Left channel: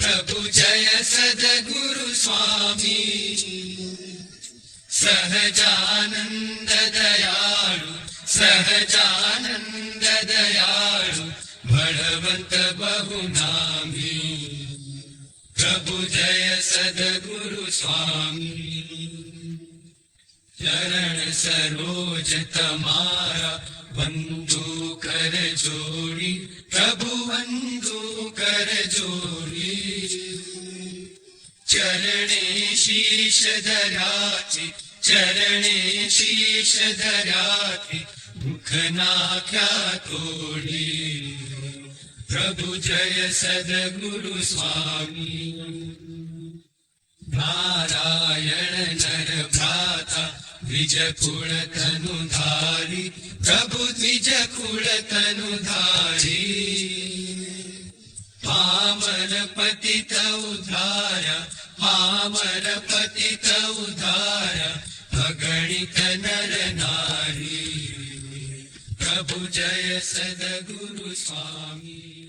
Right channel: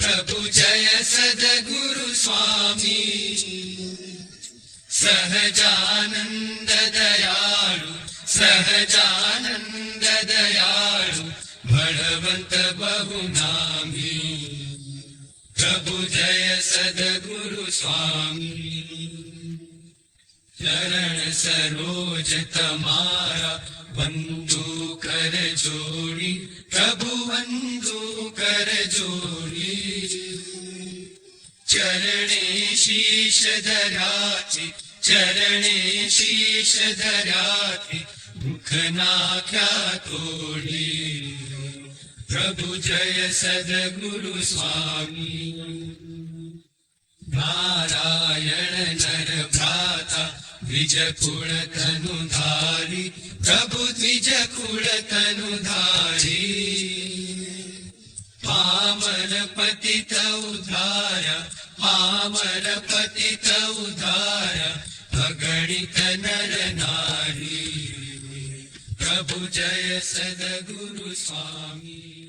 प्रभु जय सद्गुरु स्वामी सहजानंद दयालु सहजानंद दयालु बलवंत बहुनामी प्रभु जय सद्गुरु स्वामी चरण सरोज तमारा बंधु कर जोड़ी प्रभु बंधु कर जोड़ी चरणे शीश धराके चरणे शीश धराके मुखना क्या तोड़ी प्रभु जय सद्गुरु स्वामी नारायण भ्राता द्विज कुल तनुधारी प्रभु द्विज कुल तनुधारी पावन पतित उद्धारा पावन पतित उद्धारा अगणित नर नारी प्रभु जय सद्गुरु स्वामी।